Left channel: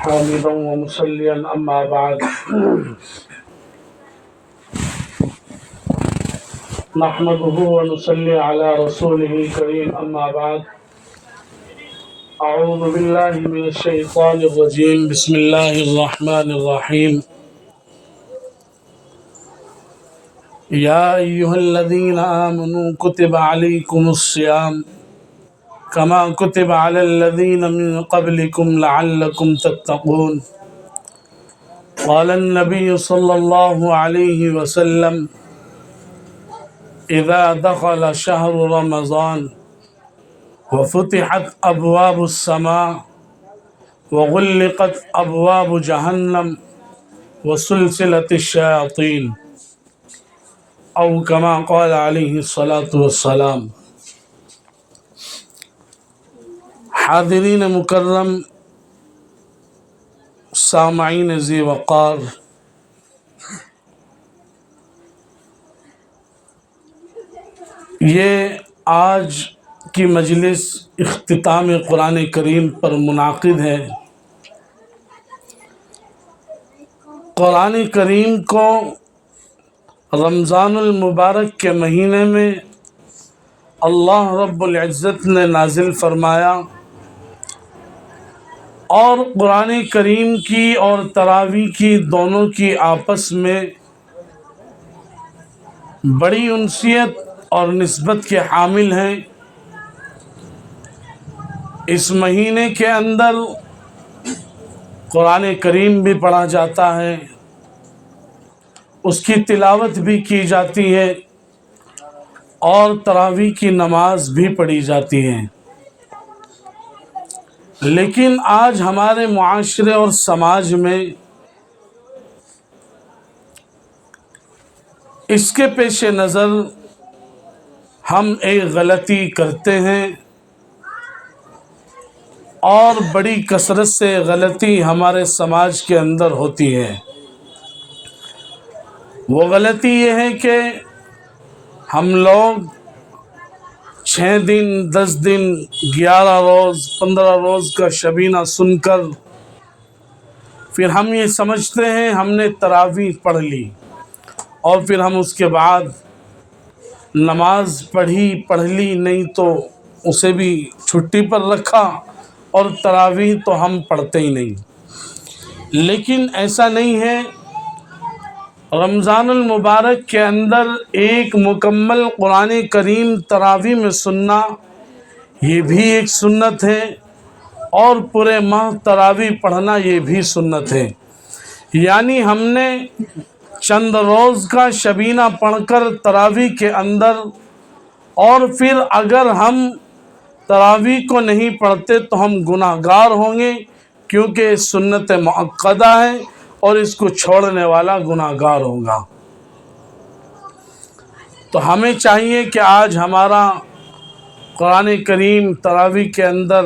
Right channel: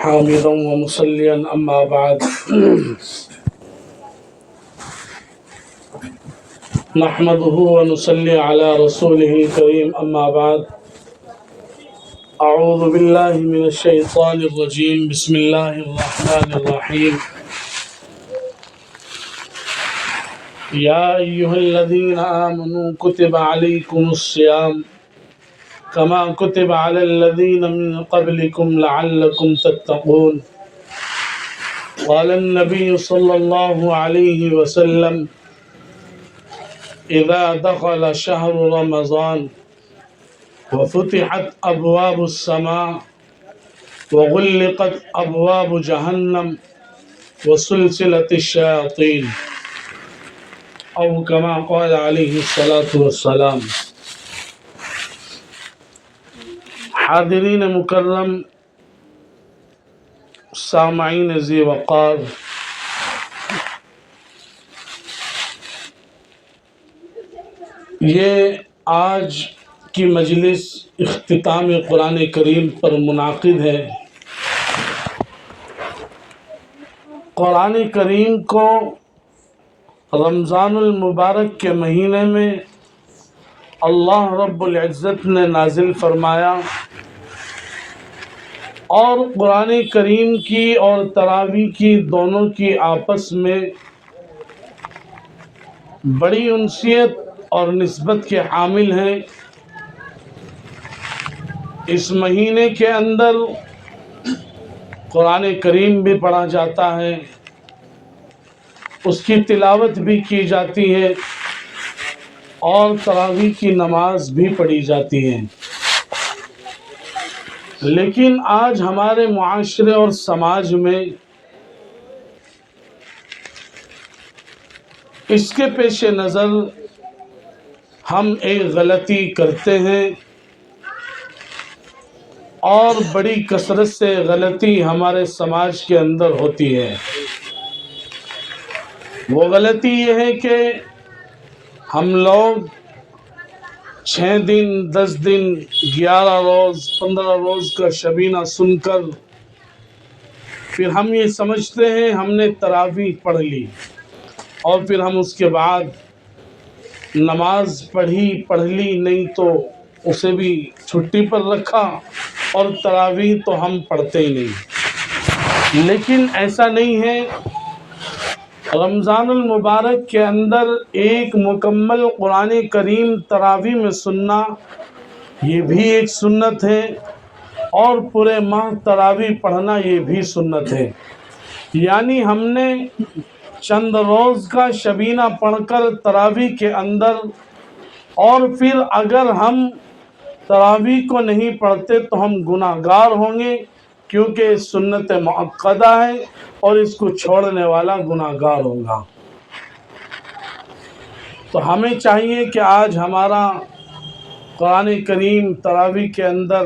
حامدا ومصليا أما بعد نحمده ونصلي على رسوله الكريم أما بعد أعوذ بالله من الشيطان الرجيم بسم الله الرحمن الرحيم يا أيها الذين آمنوا كتب عليكم الصيام كما كتب على الذين من قبلكم لعلكم تتقون قال النبي صلى الله عليه وسلم إذا دخل شهر رمضان وفتحت أبواب السماء وغلقت أبواب جهنم وسلسلة الشياطين أو كما قال عليه الصلاة والسلام۔ حاضرین مکرم، سامعین ذی وقار، یہ آج کی مجلس اختتام قرآن کریم پر منعقد ہے۔ قرآن کریم کو رمضان المبارک کے مہینے میں اللہ رب العزت نے نازل فرمایا، اور قرآن کریم کی اور تراویح کی دونوں کی آپس میں بڑی انسیت اور نسبت کے حامل ہیں۔ اس مہینے کے اندر قرآن کریم بھی پڑھا جاتا ہے، اس کی تلاوت بھی کی جاتی ہے، اور تراویح کی نماز بھی پڑھی جاتی ہے۔ لیکن آج ہمارے معاشرے اور سماج میں اس کے پیش نظر ہم ایک غلطی کرتے ہیں، اور بڑی کثرت سے غلطی ہمارے سماج کے اندر ہوتی ہے۔ وہ غلطی یہ ہے کہ ہم لوگ 6 دن 10 دن 11 روز 15 روز کا شبینہ سن کر پھر ہم یہ سمجھتے ہیں ہم نے تراویح پڑھ لی، اور پھر ہم اس کے بعد نماز پڑھ لی نہیں تو اسے بھی چھٹی پر رکھا، اور تراویح تو ہم پڑھتے ہی نہیں۔ لیکن ایسا نہیں ہے۔ رمضان المبارک کے اندر ایک مکمل قرآن کریم تراویح میں سننا یہ بھی ایک سنت ہے، اور پورے ماہ تراویح پڑھنا یہ بھی سنت ہے۔ یعنی ہم نے چند روز کا شبینہ پڑھ کر تراویح کے اندر، اور پھر اگر ہم تراویح کو نہیں پڑھتے تو ہم گناہ گار ہوں گے، کیونکہ سنت مؤکدہ ہے، اور اس کو چھوڑنے والا گناہ گار ہوگا۔ تو ہمیں چاہیے کہ آج ہمارا قرآن کریم تراویح کے اندر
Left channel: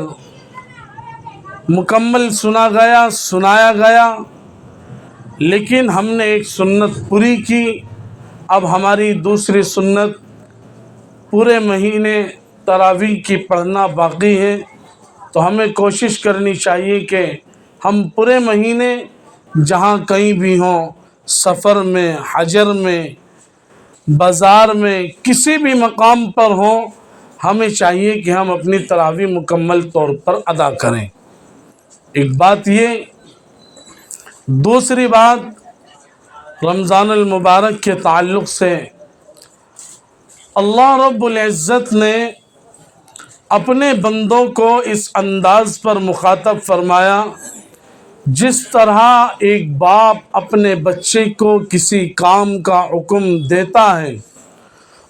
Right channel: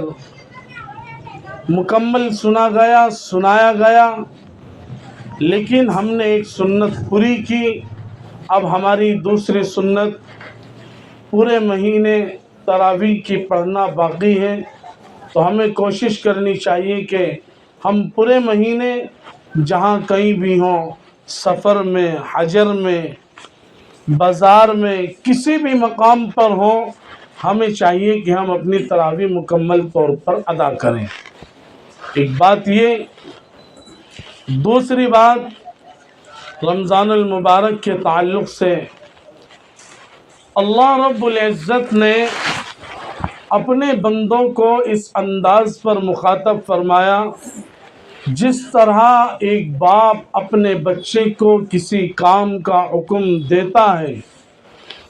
مکمل سنایا گیا، لیکن ہم نے ایک سنت پوری کی۔ اب ہماری دوسری سنت پورے مہینے تراویح کی پڑھنا باقی ہے۔ تو ہمیں کوشش کرنی چاہیے کہ ہم پورے مہینے جہاں کہیں بھی ہوں، سفر میں، حجر میں، بازار میں، کسی بھی مقام پر ہوں، ہمیں چاہیے کہ ہم اپنی تراویح مکمل طور پر ادا کریں۔ ایک بات یہ۔ دوسری بات، رمضان المبارک کے تعلق سے اللہ رب العزت نے اپنے بندوں کو اس انداز پر مخاطب فرمایا جس طرح ایک باپ اپنے بچے کو کسی کام کا حکم دیتا ہے،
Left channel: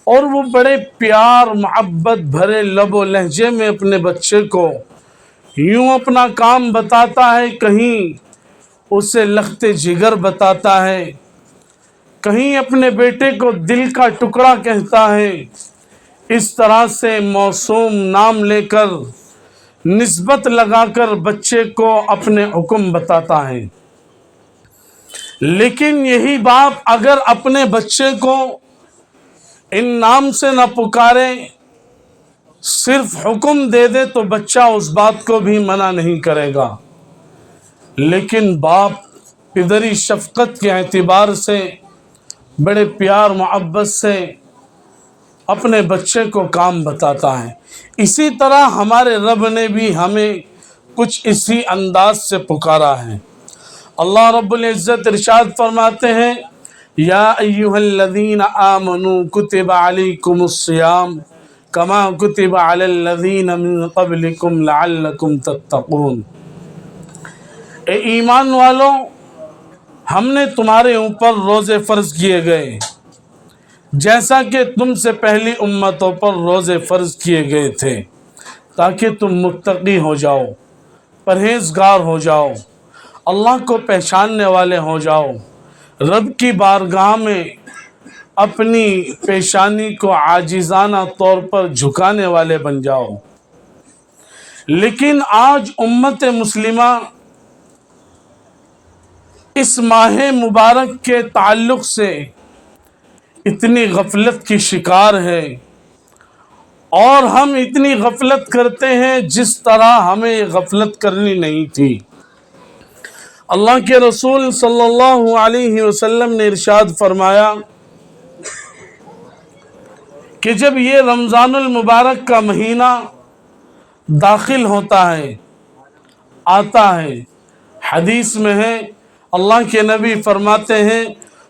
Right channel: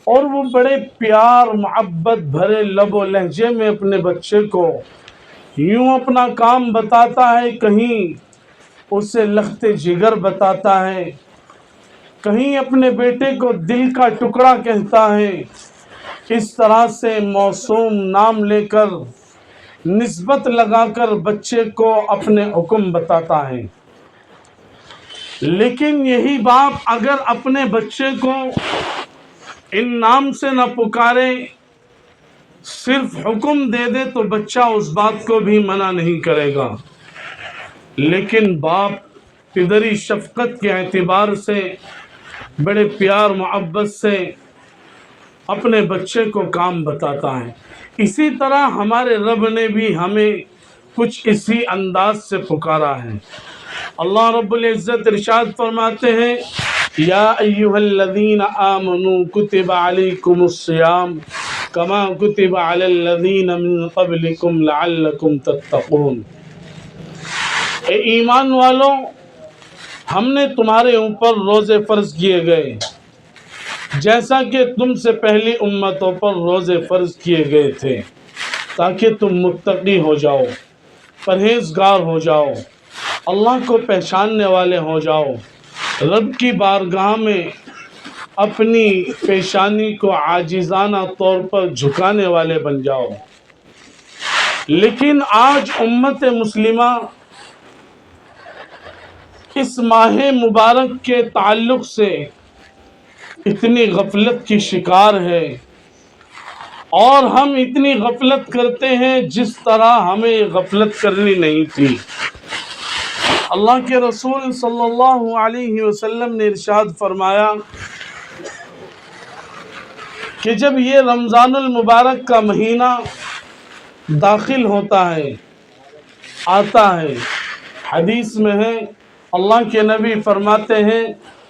اور وہ بڑے پیار محبت بھرے لب و لہجے میں اپنے بچے کو یوں اپنا کام بتاتا ہے، کہیں اسے لخت جگر بتاتا ہے، کہیں اپنے بیٹے کو دل کا ٹکڑا کہتا ہے، اس طرح سے موسوم نام لے کر نسبت لگا کر بچے کو اپنے حکم بتاتا ہے۔ لیکن یہی باپ اگر اپنے بچے کو ان نام سے نہ پکارے، صرف حکم دے دے تو بچہ اس بات کو بھی منع نہیں کرے گا، لیکن باپ پدری شفقت کے اعتبار سے بڑے پیار محبت سے اپنے بچے کو کام بتاتا ہے۔ اسی طرح ہمارے رب نے بھی ہمیں کچھ اسی انداز سے پکارا ہے۔ اللہ رب العزت ارشاد فرماتے ہیں، یا ایھا الذین آمنوا کتب علیکم الصیام کما کتب علی الذین من قبلکم لعلکم تتقون۔ اے ایمان والو، ہم نے تمہارے اوپر روزے فرض کیے گئے جیسا کہ تم سے پہلی امتوں پر روزے فرض کیے گئے تھے، تاکہ تم متقی ہو جاؤ، پرہیزگار ہو جاؤ، اللہ کو پہچاننے والے ہو جاؤ، رب کی بارگاہ میں اپنی پیشانی کو عاجزانہ طور پر جھکانے والے بن جاؤ۔ لیکن آج امت مسلمہ اس ماہ مبارک کے تعلق سے اتنی غفلت کی شکار ہے، اور ہم اتنی غفلت کرتے ہیں جس طرح ہمیں غفلت کرنی نہیں تھی۔ اللہ کے رسول صلی اللہ علیہ وسلم نے ارشاد فرمایا کہ جب یہ رمضان المبارک کا مہینہ داخل ہوتا ہے، آتا ہے، حدیث میں ہے، اللہ کے نبی فرماتے ہیں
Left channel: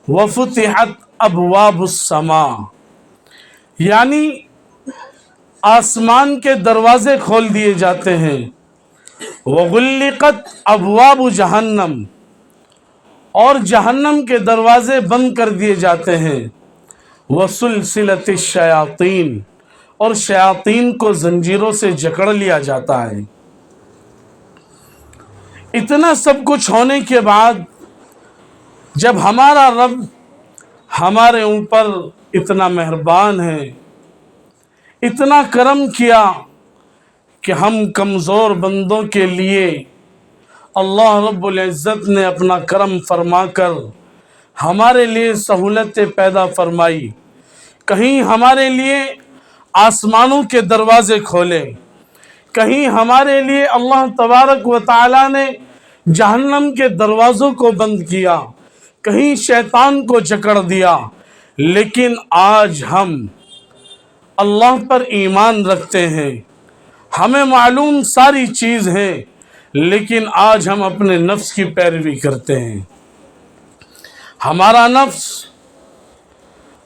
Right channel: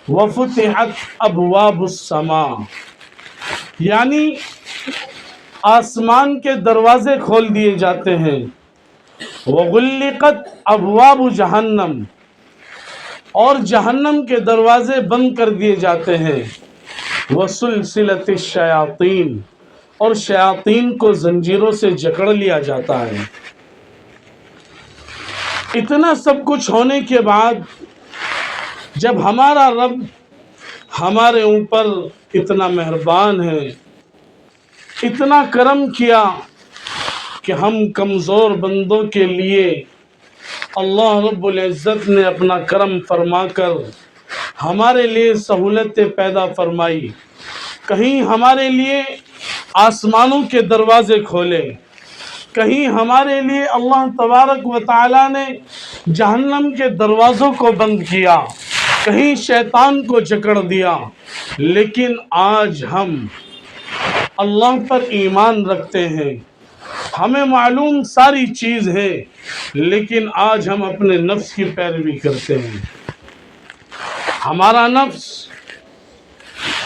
وَفُتِحَتْ أَبْوَابُ السَّمَاءِ، یعنی آسمان کے دروازے کھول دیے جاتے ہیں، وَغُلِّقَتْ أَبْوَابُ جَهَنَّمْ، اور جہنم کے دروازے بند کر دیے جاتے ہیں، وَسُلْسِلَتِ الشَّيَاطِينِ، اور شیاطین کو زنجیروں سے جکڑ لیا جاتا ہے۔ اتنا سب کچھ ہونے کے بعد جب ہمارا رب ہمارے اوپر اتنا مہربان ہے، اتنا کرم کیا کہ ہم کمزور بندوں کے لیے اللہ رب العزت نے اپنا کرم فرما کر ہمارے لیے سہولتیں پیدا فرمائی، کہیں ہمارے لیے آسمانوں کے دروازے کھولے، کہیں ہمارے لیے اللہ تبارک و تعالی نے جہنم کے دروازوں کو بند کیا، کہیں شیطان کو جکڑ دیا، لیکن آج ہم اللہ پر ایمان رکھتے ہیں، ہمیں معلوم ساری چیز ہے، لیکن آج ہم اپنے نفس کی پیروی کرتے ہیں۔ ہمارا نفس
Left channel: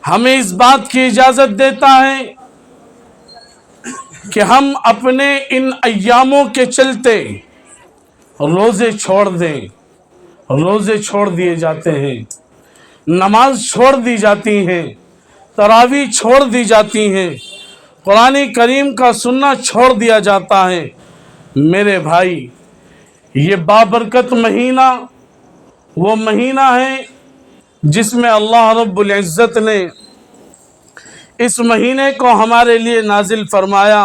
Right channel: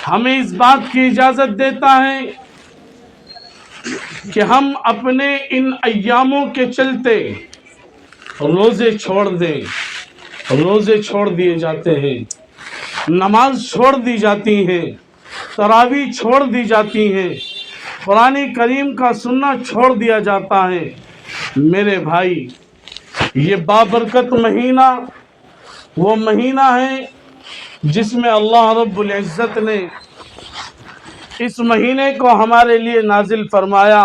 ہمیں اس بات کی اجازت دیتا ہے کہ ہم اپنے ان ایاموں کے چلتے روزے چھوڑ دیں، روزے چھوڑ دیے جاتے ہیں، نماز چھوڑ دی جاتی ہیں، تراویح چھوڑ دی جاتی ہیں، قرآن کریم کا سننا چھوڑ دیا جاتا ہے۔ میرے بھائی، یہ بابرکت مہینہ وہ مہینہ ہے جس میں اللہ رب العزت نے اس مہینے کو ہمارے لیے نازل فرمایا،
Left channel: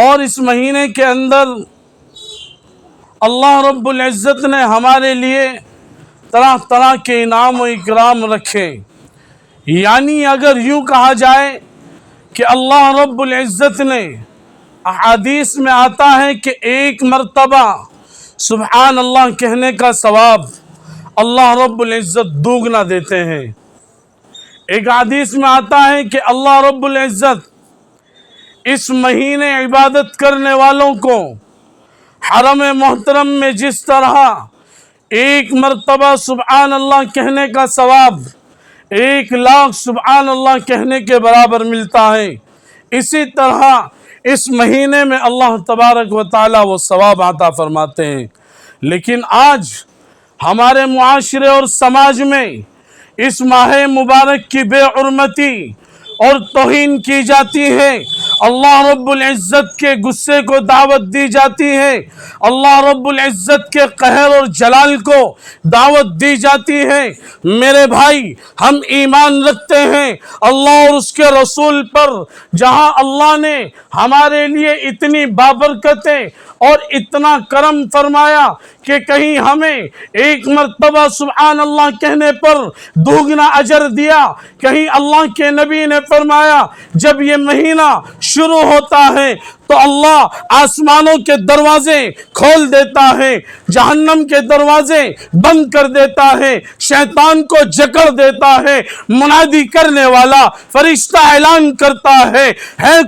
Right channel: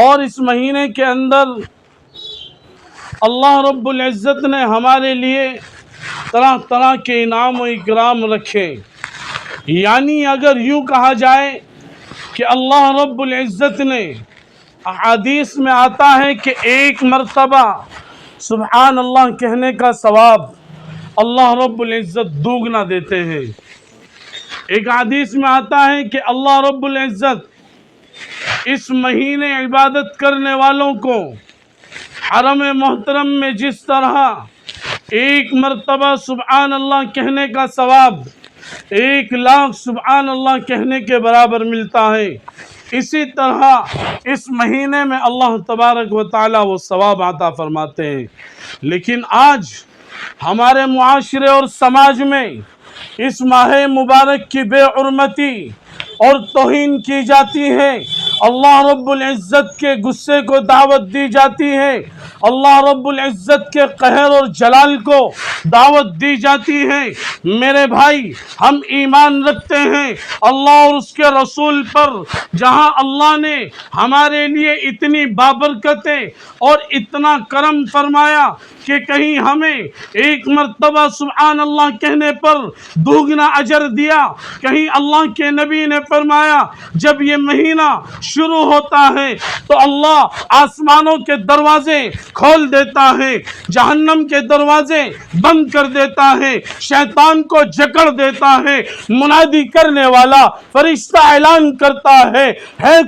اور اس مہینے کے اندر اللہ رب العزت نے ہمارے لیے طرح طرح کے انعام و اکرام رکھے۔ یعنی اگر یوں کہا جائے کہ اللہ رب العزت نے، احادیث میں آتا ہے کہ ایک مرتبہ سبحان اللہ کہنے کا ثواب اللہ رب العزت دوگنا دیتے ہیں۔ ایک حدیث میں آتا ہے کہ اللہ رب العزت اس مہینے عبادت کرنے والوں کو حرم محترم میں جس طرح ایک مرتبہ سبحان اللہ کہنے کا ثواب 1,00,000 سبحان اللہ کہنے کے برابر ملتا ہے، اسی طرح اس مہینے میں اللہ تبارک و تعالی وہ ثواب عطا فرماتے ہیں۔ لیکن آج ہمارے معاشرے اور سماج میں اس ماہ مبارک کی بے حرمتی اور توہین کی جاتی ہے، اللہ رب العزت کے غصے کو دعوت دی جاتی ہے، اللہ رب العزت کے قہر اور جلال کو دعوت دی جاتی ہے۔ میرے بھائی، ہم ایمان رکھتے ہیں اللہ اور اس کے رسول پر، جہاں اللہ نے ہمارے لیے اتنی بابرکتیں اور اتنا کرم فرمایا کہ کہیں ہمیں ایک مرتبہ سبحان اللہ کہنے پر دوگنا اجر دیا۔ کہیں اللہ کے نبی نے فرمایا جب یہ مہینہ شروع ہوتا ہے تو اللہ آسمانوں کے دروازے کھول دیتا ہے، جہنم کے دروازے بند کر دیتا ہے، شیطان کو جکڑ دیتا ہے، منادی کرنے والا فرشتہ اعلان کرتا ہے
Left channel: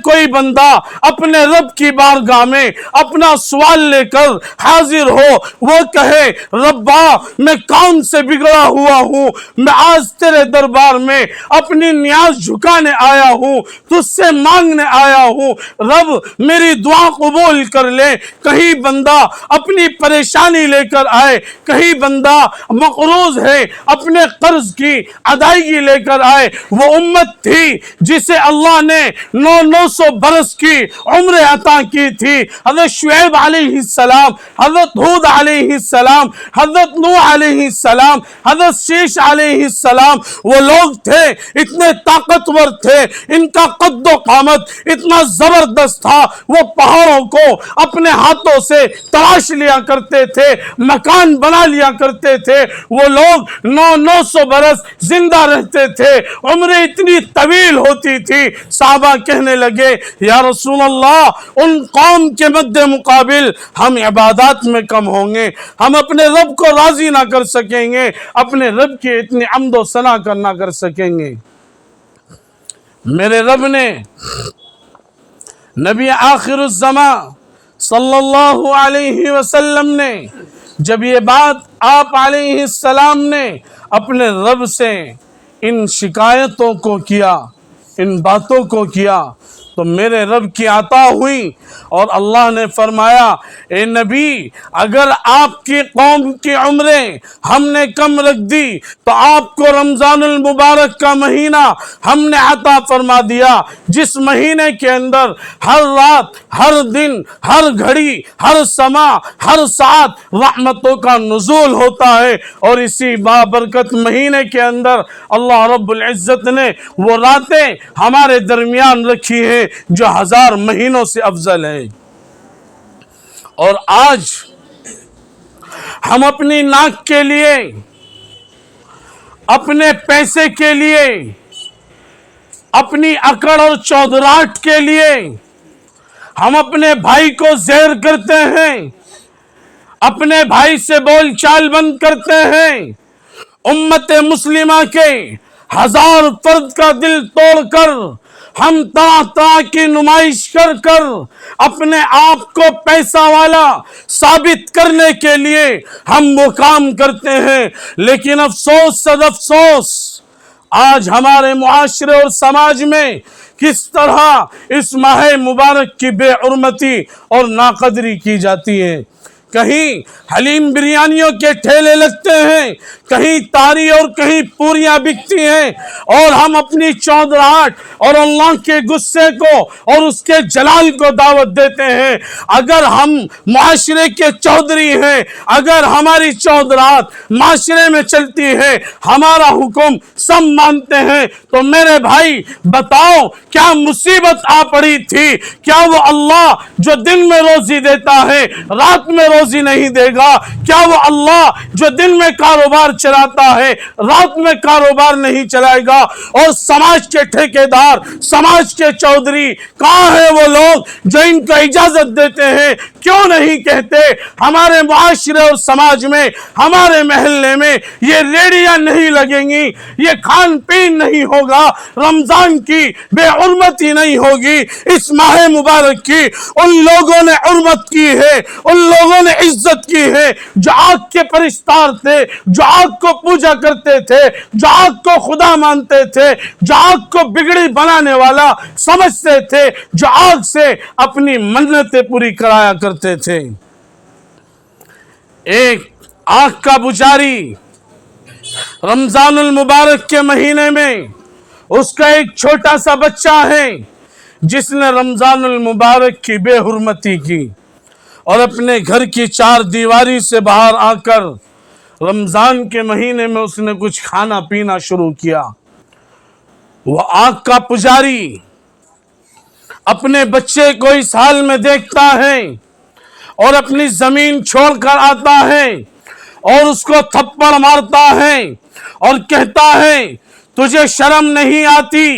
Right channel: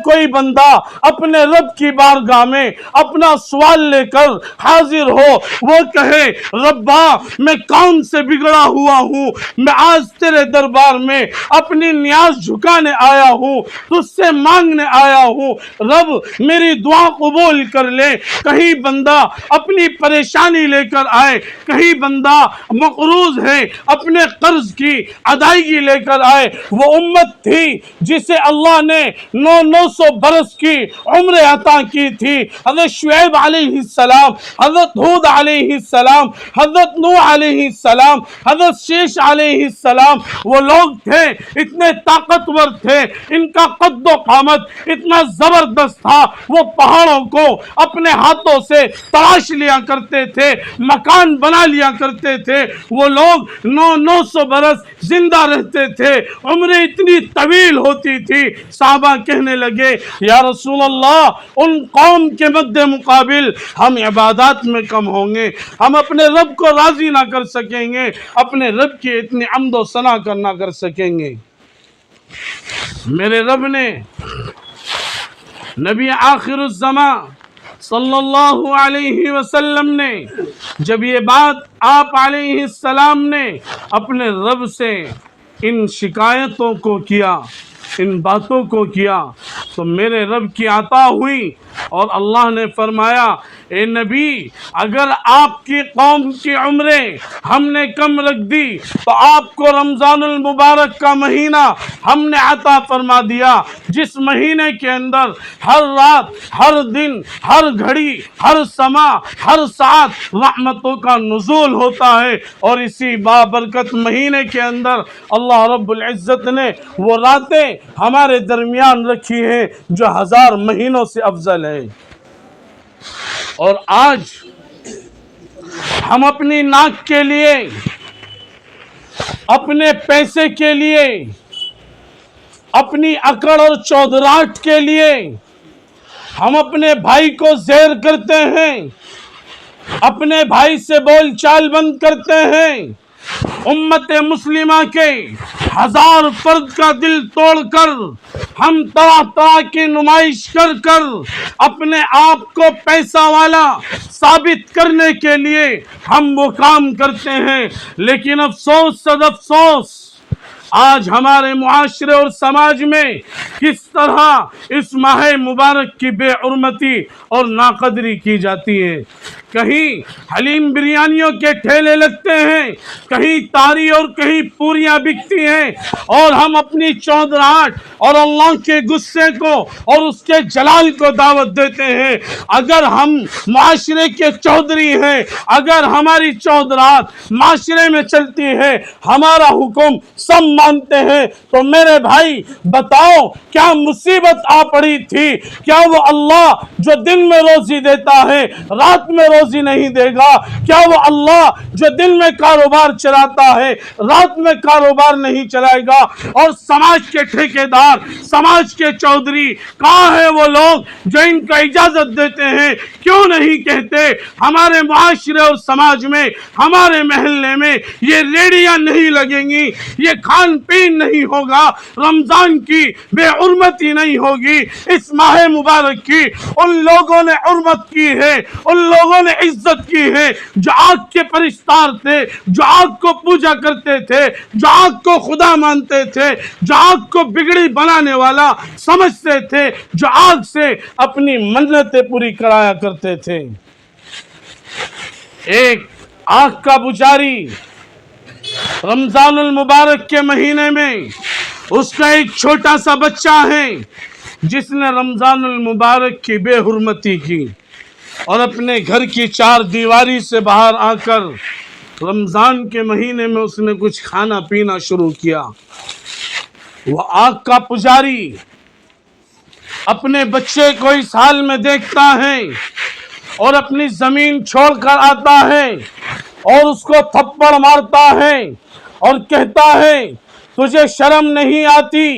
کوئی بندہ اپنے رب کی بارگاہ میں اپنا سوال لے کر حاضر ہو، وہ کہے ربا میں کون سے بگڑا ہوا ہوں، میں آج تیرے دربار میں اپنی نیاز جھکانے آیا ہوں، تجھ سے مانگنے آیا ہوں، رب میری دعا قبول کر لے۔ کہیں بندہ اپنی پریشانی لے کر آئے، کہیں بندہ مقروض ہے اپنے قرض کی ادائیگی لے کر آئے۔ وہ امت تھی جسے اللہ نے 900 برس کی عمر عطا کی تھی، حضرت شعیب علیہ السلام، حضرت ہود علیہ السلام، حضرت نوح علیہ السلام، حضرت شیش علیہ السلام۔ وہ لوگ تھے اتنے طاقتور تھے، ان کا قد و قامت اتنا زبردست تھا، وہ پہاڑوں کو اپنے ہاتھوں سے تراش لیا کرتے تھے، مکان بنا لیا کرتے تھے۔ وہ لوگ 900 برس زندہ رہتے تھے، عمریں اتنی طویل ہوتی تھی۔ صحابہ کہنے لگے یا رسول اللہ ان قوم کے مد مقابل ہم عبادات میں کم ہوں گے، ہم اپنے رب کو راضی نہ کر سکیں گے، اپنے رب کی اتنی حمد و ثنا نہ کر سکیں گے۔ میرے رب نے نبی آخر الزمان صلی اللہ علیہ وسلم نے جب یہ بات آپ علیہ السلام نے اپنے رب سے ان شکایتوں کو کیا، ان باتوں کو کیا، تو میرے رب کی عطا ہوئی اور اللہ نے فرمایا اے نبی اگر آپ کی قوم کی عمریں ہم نے کم رکھ دی تو آپ کو رمضان المبارک کا مہینہ ہم نے عطا فرما دیا، جس مہینے کے اندر ہر رات، ہر دن، ہر گھڑی، ہر سما، ہر ساعت رحمتوں کا نزول ہوتا ہے۔ اور اسی بابرکت مہینے کے اندر اللہ رب العزت نے وہ راتیں ہمارے درمیان رکھی ہے جو 1000 مہینوں سے افضل ہے۔ اور آج ہم اپنی ناک کے لیے، اپنے پیسے کے لیے، اپنی اکڑ اور چودراہٹ کے لیے ہم اپنے بھائی کو زیر کرتے ہیں، اپنے بھائی سے بول چال بند کرتے ہیں، امت مسلمہ کے 1000 فرد کا دل توڑ کر، ہم طرح طرح کی نمائش کر کر اپنے آپ کو پیسہ والا ثابت کرنے کے لیے ہم وہ کام کرتے ہیں۔ لیکن افسوس صد افسوس آج ہمارے معاشرے اور سماج میں کس طرح اس ماہ مبارک کی بے حرمتی اور ناقدری کی جاتی ہے۔ کہیں حلیم بریانیوں کے ٹھیلے لگتے ہیں، کہیں تاری اور کہیں پوریاں بکتی ہیں، اور ہم اپنی چودراہٹ اور اللہ کے غصے کو اور اس کے جلال کو دعوت دیتے ہیں۔ اگر ہم معاشرے کے چودھری ہیں، اگر ہماری چودراہٹ معاشرے میں چلتی ہے، ہمارا حکم سب مانتے ہیں، تو میرے بھائی بتاؤ کیا مصیبت آ پڑی تھی؟ کیا وہ اللہ جو دن میں روزی دیتا ہے رات میں روزی نہیں دے گا؟ کیا وہ اللہ جو دن میں کاروبار چلاتا ہے رات میں کاروبار نہیں چلائے گا؟ اور سماج کے ٹھیکیدار، سماج کے چودھری کہاں ہیں وہ لوگ جو ان کو اجازت دیتے ہیں؟ کیوں نہیں کہتے ہمارے معاشرے اور سماج میں، ہمارے محلے میں یہ ریڑیاں نہیں لگیں گی، یہ کھان پین نہیں ہوگا، رمضان کی بے حرمتی نہیں ہوگی، اس ماہ مبارک کی ان لوگوں نے حرمت کی ہے، ان لوگوں نے عزت کی ہے جو آگ کے پرستار تھے، جو آگ کو پوجا کرتے تھے، جو آگ کو خدا مانتے تھے، جو آگ کو بگڑی بنانے والا سمجھتے تھے، جو آگ سے اپنی منتیں پوری کرایا کرتے تھے۔ ایک آنکھ کا پجاری رمضان المبارک کے مہینے میں اس کا ایک چھوٹا سا بچہ ہے جس نے رمضان المبارک کی بے حرمتی کی اور اپنے گھر کی 4 دیواری سے باہر آ کر رمضان کے مہینے میں اس نے کچھ کھانا پینا شروع کیا۔ وہ آنکھ کا پجاری اپنے بچے کو اس حال میں دیکھتا ہے اور اپنی زمین چھوڑ کر آتا ہے اور اس کو تھپڑ مارتا ہے اور کہتا ہے تجھے شرم نہیں آتی؟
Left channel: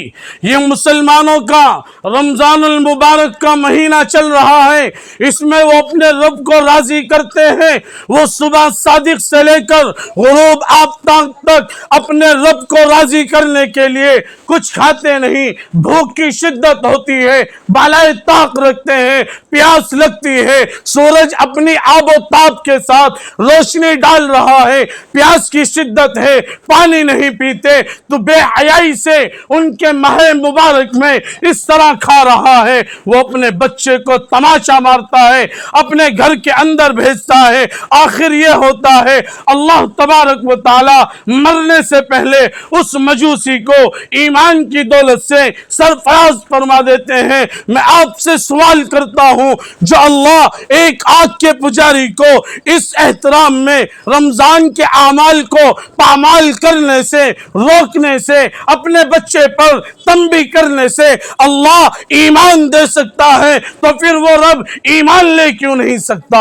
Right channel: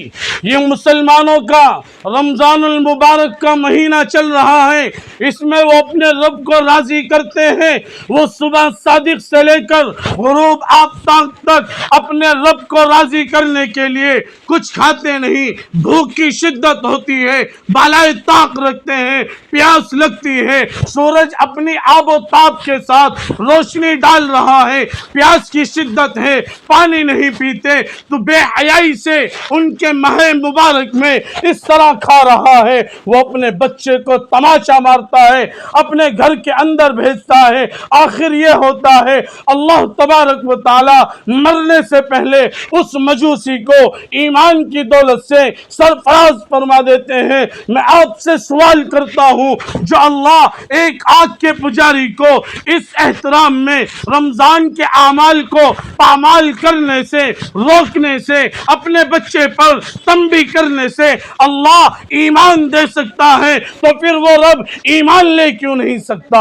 یہ مسلمانوں کا رمضان المبارک کا مہینہ چل رہا ہے، اس میں وہ اپنے رب کو راضی کرتے ہیں، وہ صبح صادق سے لے کر غروب آفتاب تک اپنے رب کو راضی کرنے کے لیے کچھ کھاتے نہیں، بھوک کی شدت ہوتی ہے، بالائے طاق رکھتے ہیں، پیاس لگتی ہے، سورج اپنی آب و تاب کے ساتھ روشنی ڈال رہا ہے، پیاس کی شدت ہے، پانی نہیں پیتے، تو بے حیائی سے ان کے ماہ مبارک میں اس طرح کھا رہا ہے، وہ اپنے بچے کو تماشا مارتا ہے، اپنے گھر کے اندر بھیجتا ہے، آخر یہ ہوتا ہے اللہ تبارک و تعالی مرنے سے پہلے اس مجوسی کو ایمان کی دولت سے سرفراز فرما دیتے ہیں۔ میں آپ سے سوال کرتا ہوں، جو اللہ ایک آگ کے پجاری کو اس احترام میں رمضان کے اعمال کو پامال کرنے سے روکنے سے اپنے بچے پر تنبیہ کرنے سے اللہ ایمان دے سکتا ہے، تو پھر وہ رب ایمان لے کیوں نہیں سکتا؟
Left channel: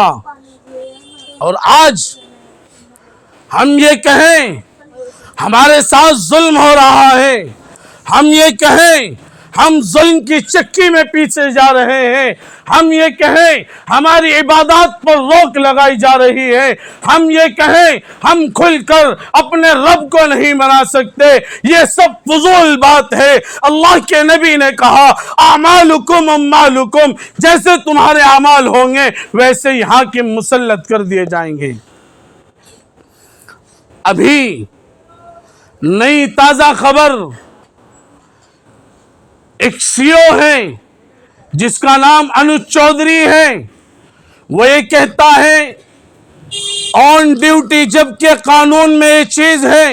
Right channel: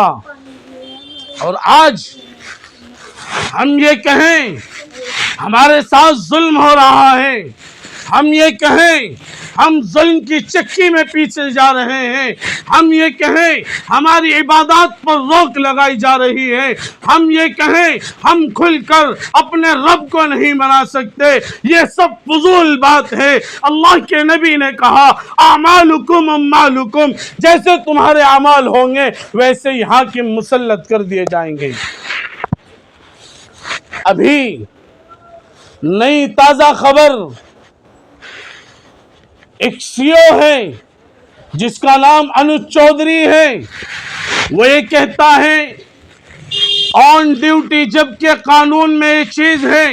اور آج ہم یہ کہیں ہمارے ساتھ ظلم ہو رہا ہے، ہم یہ کہیں ہم ظلم کی چکی میں پیچھے جا رہے ہیں، ہم یہ کہیں ہماری عبادات پر روک لگائی جا رہی ہے، ہم یہ کہیں ہم کھل کر اپنے رب کو نہیں منا سکتے، یہ سب فضول بات ہے۔ اللہ کے نبی نے کہا اعمالکم اموالکم، جیسے تمہارے اعمال ہوں گے ویسے ہی حاکم مسلط کر دیے جائیں گے۔ ابھی نئی تازہ خبر، ایک CO ہے جس کا نام انوج چودھری ہے، وہ یہ کہتا ہے آن ڈیوٹی، جبکہ قانون میں یہ چیز ہے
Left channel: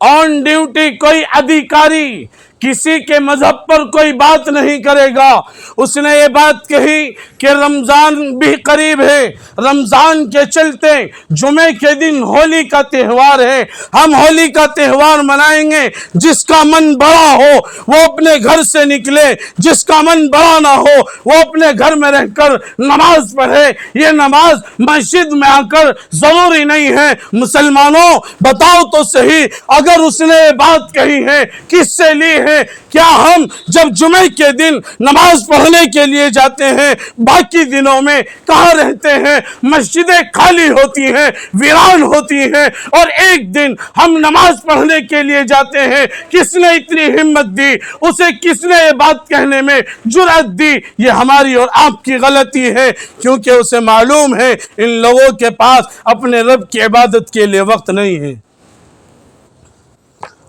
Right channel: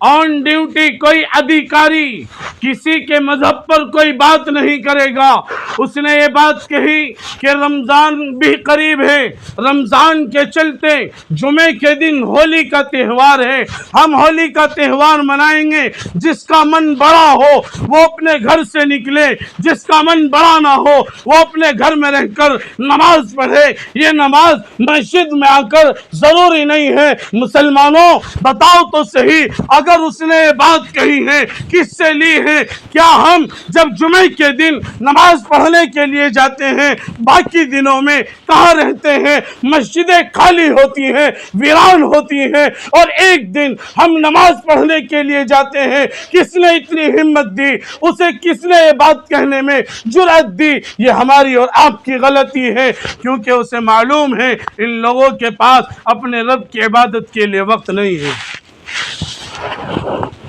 آن ڈیوٹی کوئی ادھیکاری کسی کے مذہب پر کوئی بات نہیں کرے گا۔ اس نے یہ بات کہی کہ رمضان بھی قریب ہے، رمضان کے چلتے جمعے کے دن ہولی کا تہوار ہے، ہم ہولی کا تہوار منائیں گے، جس کا من بڑا ہو وہ اپنے گھر سے نکلے، جس کا من بڑا نہ ہو وہ اپنے گھر میں رہ کر نماز پڑھے، یہ نماز مسجد میں آ کر ضروری نہیں ہے۔ مسلمانوں بتاؤ تو صحیح، اگر اس نے یہ بات کہی ہے کس سے لی ہے؟ کیا ہم جب جمعے کے دن نماز پڑھنے کے لیے جاتے ہیں باقی دنوں میں کہاں رہتے ہیں؟ مسجدیں خالی ہوتی ہیں، ویران ہوتی ہیں، اور ایک دن ہم نماز پڑھنے کے لیے جاتے ہیں، کس نے اتنی ہمت دی؟ اسے کس نے یہ بات کہنے میں جرأت دی؟ یہ ہماری اور آپ کی غلطی ہے، کیونکہ اسے معلوم ہے ان لوگوں کے پاس اپنے رب کی عبادت کے لیے وقت نہیں ہے۔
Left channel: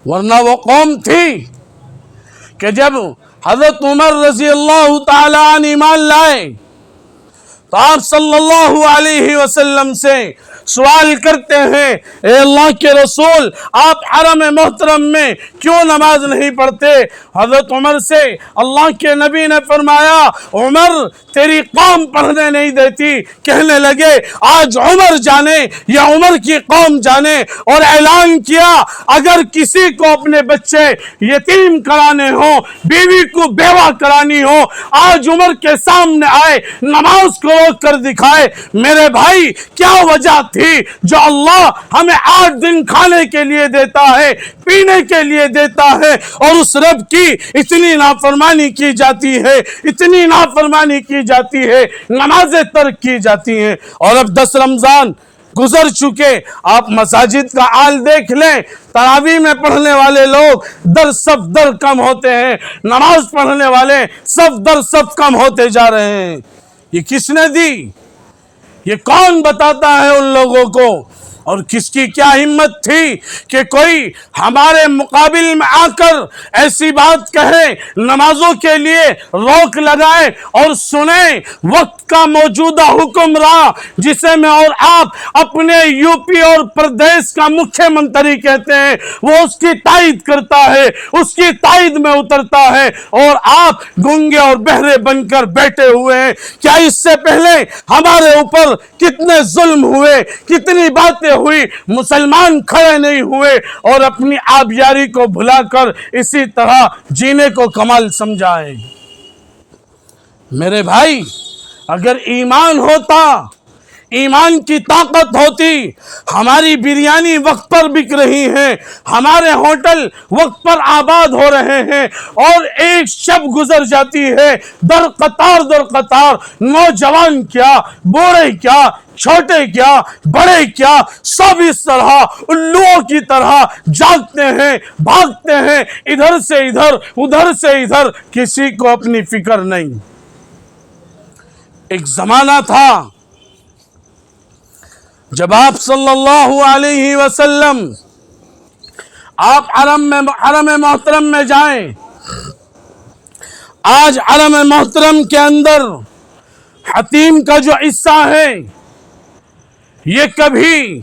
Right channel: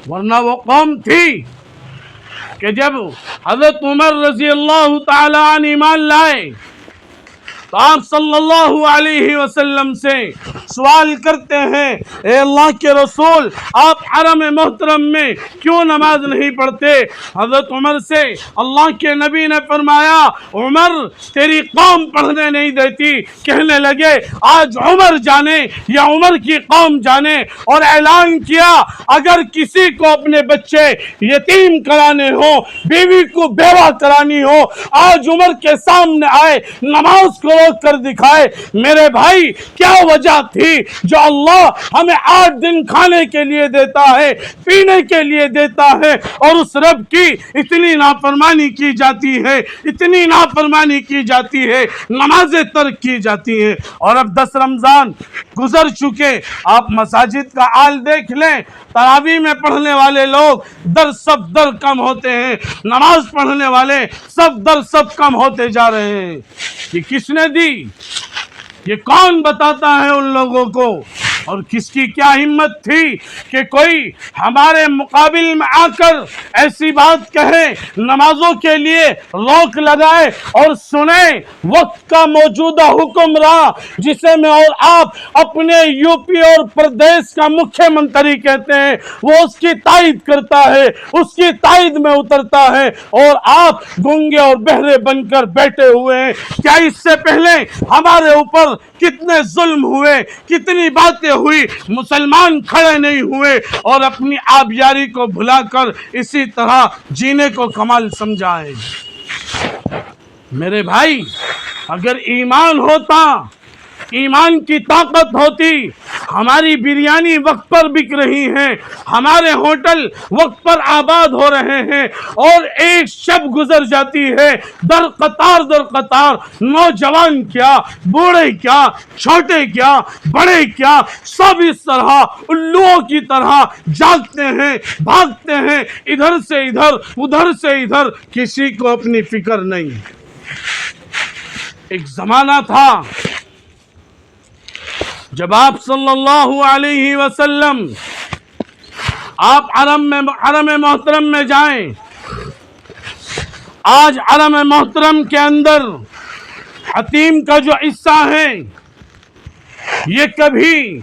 ورنہ وہ قوم تھی کہ جب حضرت عمر رضی اللہ تعالیٰ عنہ ایمان لائے تو آپ صلی اللہ علیہ وسلم سے سوال کرتے ہیں، اے اللہ کے رسول آپ حرم محترم میں کیوں نماز نہیں پڑھتے؟ حضرت عمر سے اللہ کے نبی نے فرمایا عمر تیری قوم پڑھنے نہیں دیتی۔ کہنے لگے آج عمر جانے یا عمر کی قوم جانے، اور اعلان کیا اگر کسی کو اپنے بچے یتیم کرانے ہوں، بیوی کو بیوہ کرانی ہو، آج عمر کے سامنے آئے، نماز کو کر دکھائے۔ میرے بھائی کیا وجہ تھی جو اللہ ہمیں 8 دن کھانے کے لیے دیتا ہے، پینے کے لیے دیتا ہے، اور اس رب کی اتنی نافرمانی کی جاتی ہے، اتنی نافرمانی کی جاتی ہے، نمازیں ترک کی جاتی ہیں۔ اور اب 10 رمضان گزر چکے، آپ مساجد کا حال دیکھ لیں، تراویح میں پڑھنے والے لوگ در صف در کم ہوتے ہیں، نماز پڑھنے والے صف در صف کم ہوتے جا رہے ہیں۔ یہ کس نے دی؟ یہ کون بتاتا ہے ان لوگوں کو؟ اور کس کی کیا ہمت تھی کہ کوئی ہمارے مقابل میں آ کر ایسی بات کہے، نمازوں کے لیے روک لگائے اور سنیں وقت کا موجودہ حکمراں جسے میں اور آپ اپنے یوپی اور پردیش کا مکھیہ منتری کہتے ہیں، وہ اس کی تائید کرتا ہے، اس کی تائید میں اترتا ہے، اور آپ گنگے اور بہرے بن کر بیٹھے ہوئے ہیں۔ کیا اس سے پہلے ہمارے اوپر کتنے ظلم ہوئے، کتنی باتیں ہوئی، مسلمان کھڑے نہیں ہوئے اور اپنی آبیاری کو بھلا کر اسی طرح جینے کو کمال سمجھائے۔ میرے بھائی اگر ایمان ہوتا ایمان کی طاقت ہوتی، ہماری بریانی وقت پر بک رہی ہے، ہمارے ہوٹل وقت پر آباد ہو رہے ہیں، اور ایک شب گزر جاتی ہے در قطار نوجوان کیا، بوڑھے کیا، چھوٹے کیا، بڑے کیا، سب اس طرح الوؤں کی طرح جاگتے ہیں، بھاگتے ہیں، ادھر سے ادھر، کسی کو اپنی فکر نہیں۔ ایک زمانہ تھا جب آپ صلی اللہ علیہ وسلم آپ حرم محترم میں جائیں، آج حرم محترم کے اندر حتیم کا جو حصہ ہے، یہ کبھی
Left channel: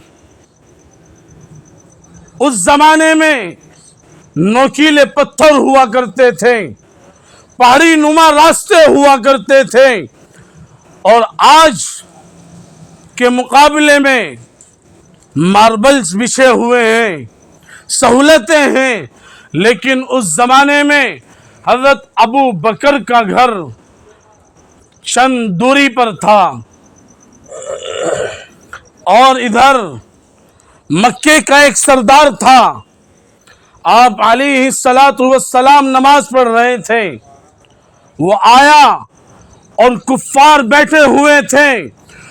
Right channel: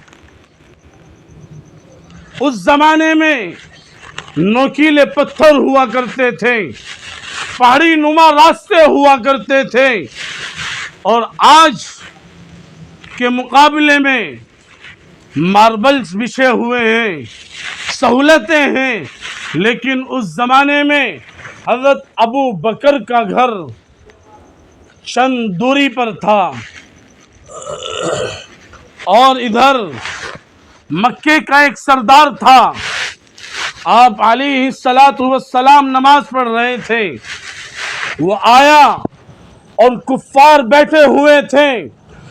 اس زمانے میں نوکیلے پتھر ہوا کرتے تھے، پہاڑی نما راستے ہوا کرتے تھے، اور آج کے مقابلے میں ماربلز بچھے ہوئے ہیں، سہولتیں ہیں، لیکن اس زمانے میں حضرت ابو بکر کا گھر چند دوری پر تھا، اور ادھر مکے کا ایک سردار تھا، آپ علیہ السلام نماز پڑھ رہے تھے، وہ آیا اور کفار بیٹھے ہوئے تھے،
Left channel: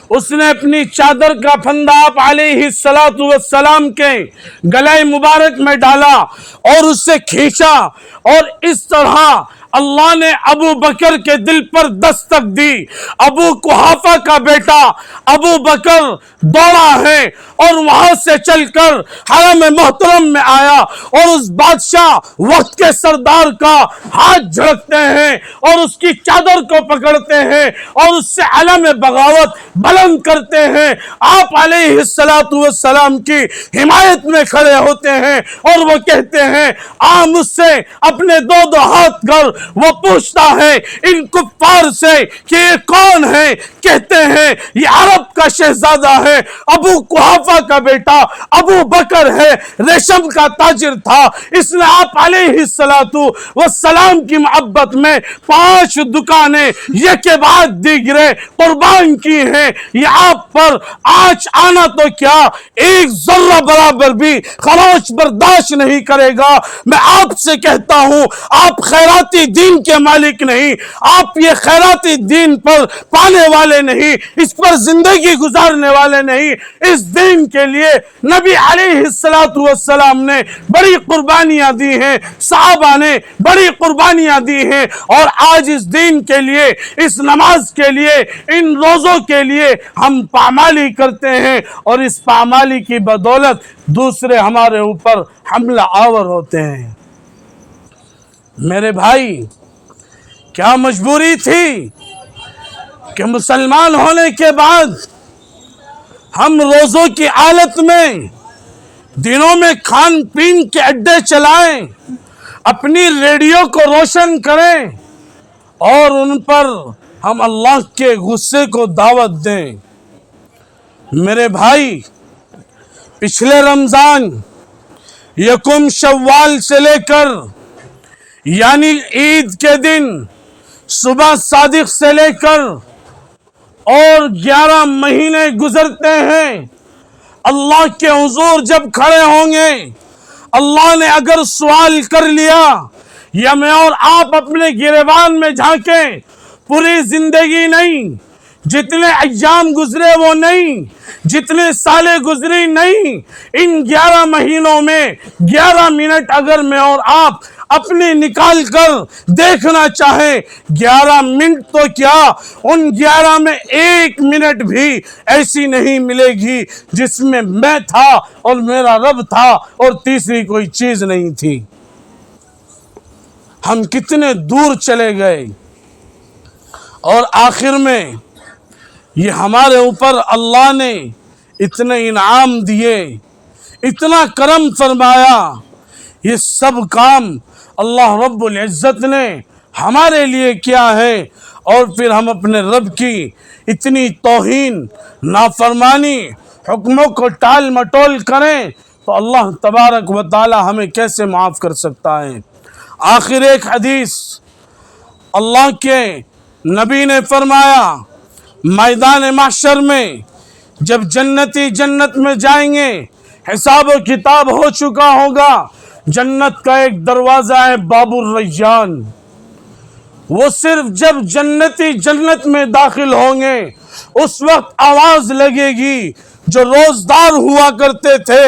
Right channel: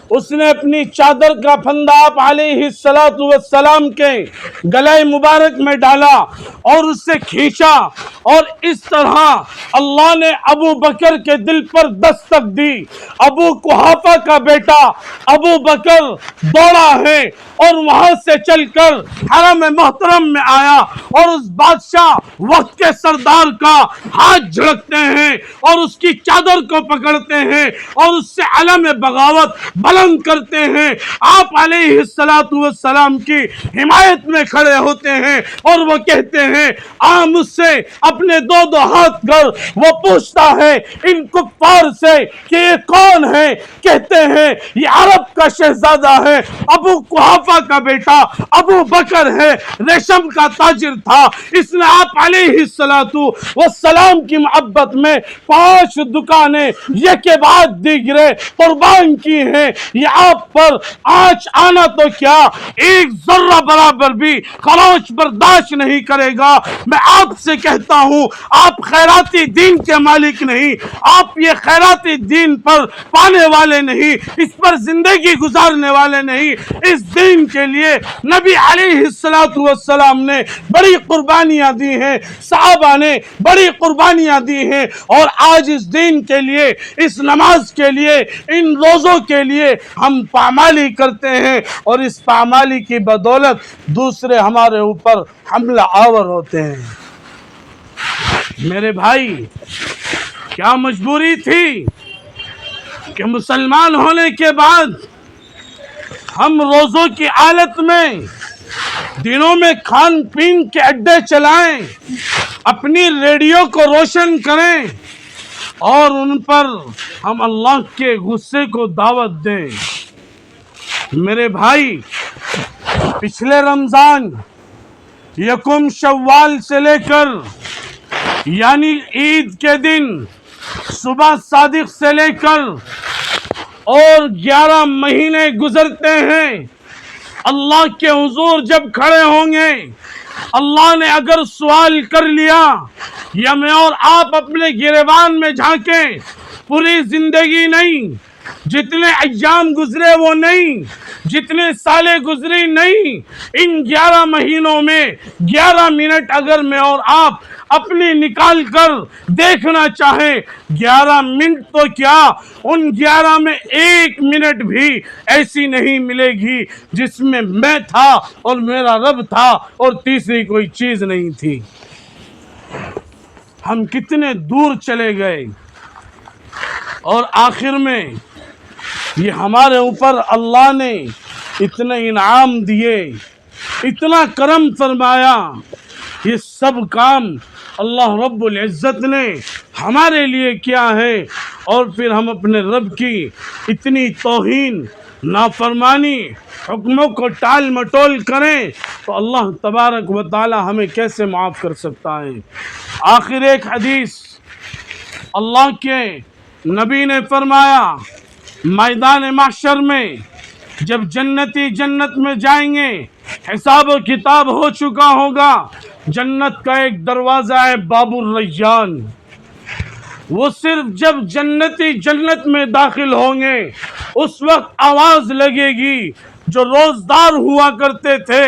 اس نے اپنی چادر کا پھندا آپ علیہ السلام کے گلے مبارک میں ڈالا اور اس سے کھینچا، اور اس طرح اللہ نے ابو بکر کے دل پر دستک دی۔ ابو قحافہ کا بیٹا ابو بکر دوڑا ہے اور وہاں سے چل کر حرم محترم میں آیا، اور اس بادشاہ وقت کے سردار کا ہاتھ جھڑکتے ہیں اور اس کی چادر کو پکڑتے ہیں اور اس سے علم بغاوت بلند کرتے ہیں۔ آپ علیہ السلام کی حمایت میں کھڑے ہوتے ہیں اور وہ کہتے ہیں آ مجھ سے اپنے دو ہاتھ کر۔ وہ پوچھتا ہے ان کفار سے کہ یہ کون ہے؟ کہتے ہیں یہ عرب کا شہزادہ ہے، ابو قحافہ کا بیٹا ابو بکر ہے، ریشم کا تاجر تھا، اس نے آپ علیہ السلام کی محبت میں 5 دکانیں یک کے بعد دیگرے قربان کی ہیں۔ یہ آپ پر آج آنا تو کیا ایک ذرہ برابر بھی خراج برداشت نہیں کرے گا۔ میں آپ سے کہتا ہوں آپ خیراتی دین کے مالک نہیں، آپ یہ خیراتی دین پر پانے والے نہیں، اس پر زندگی گزارنے والے نہیں۔ اس دین کے لیے نبی علیہ السلام نے بڑی قربانیاں دی ہیں، صحابہ نے بڑی قربانیاں دی ہیں، اور آج اس دین کے لیے، اس نماز کے لیے، ان روزوں کے لیے ہم پامالی کرتے ہیں، اور اس پامالی کی بدولت دوسرے ہمارے اوپر حملہ آور ہوتے ہیں۔ میرے بھائی، کیا مجبوری تھی کہ مسلمان ہونے کے بعد ہم روزوں کی حالت میں دنوں میں کھان پین کے اڈے چلائیں، اپنی ریڈیو کو روشن کریں، اور ان پر ہم اللہ کے غصے کو دعوت دیں؟ میرے بھائی، پچھلے رمضان یکم شوال سے لے کر یعنی عید کے دن صبح صادق سے لے کر اور 11 مہینے گزرتے ہیں، اللہ کے حضور جب کھڑے ہوں گے، اللہ نے اگر سوال کر لیا یا میں اور آپ اپنے گریبان میں جھانکیں، پوری زندگی نہیں، جتنے ایام گزرے وہ نہیں، جتنے سالیں گزری نہیں، ان 11 مہینوں میں 11 منٹ اگر میں اور آپ اپنی نکال کر دیکھنا چاہیں، 11 منٹ تو کیا، ان 11 میں 1 منٹ بھی ایسی نہیں ملے گی جس میں میں تھا اور میرا رب تھا اور تیسری کوئی چیز نہیں تھی۔ ہم کتنے دور چلے گئے، اور آخر میں یہ ہمارے اوپر اللہ نے اتنے انعام دیے، اتنا کرم فرمایا، یہ سب کام اللہ رب العزت نے ہمارے لیے کیا ہے، اور پھر ہم اپنے رب کی اتنی توہین، نافرمانی، حکموں کو ٹال مٹول کریں تو اللہ تبارک و تعالی ہمیں کیسے معاف کر سکتا ہے؟ آخر ایک حدیث اللہ کے نبی نے فرمایا، میدان محشر میں جب جنتی جنت میں جائیں گے حساب و کتاب ہو چکا ہوگا، جنت کا ایک دروازہ ہے باب الریان، وہ صرف جب جنتی جنت میں داخل ہوں گے اس وقت آواز لگے گی، جو روزدار ہوا کرتے تھے،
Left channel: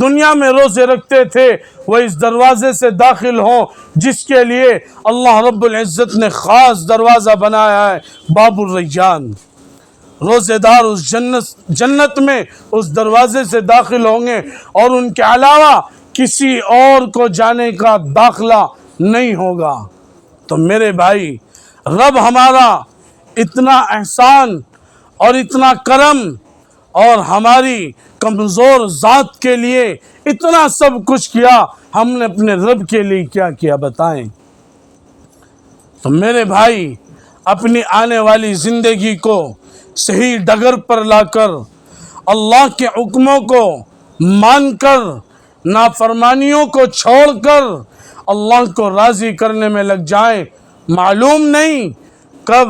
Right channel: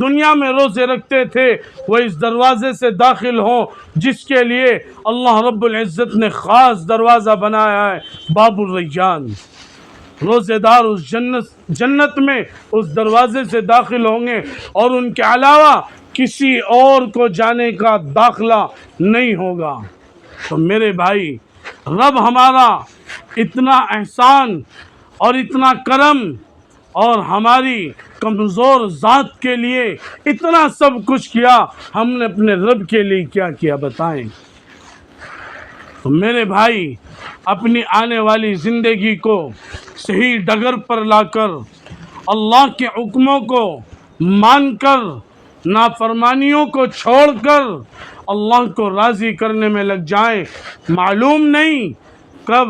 دنیا میں روزے رکھتے تھے، وہ اس دروازے سے داخل ہوں جس کے لیے اللہ رب العزت نے خاص دروازہ بنایا ہے باب الریان۔ روزے دار اس جنت میں اس دروازے سے داخل ہوں گے اور ان کے علاوہ کسی اور کو جانے کا داخلہ نہیں ہوگا۔ تو میرے بھائی، رب ہمارا اتنا احسان اور اتنا کرم اور ہماری کمزور ذات کے لیے اتنا سب کچھ کیا، ہم نے اپنے رب کے لیے کیا کیا بتائیں؟ تو میرے بھائی، اپنی آنے والی زندگی کو صحیح ڈگر پر لا کر اللہ کے حکموں کو مان کر نافرمانیوں کو چھوڑ کر اللہ کو راضی کرنے میں لگ جائیں۔ معلوم نہیں کب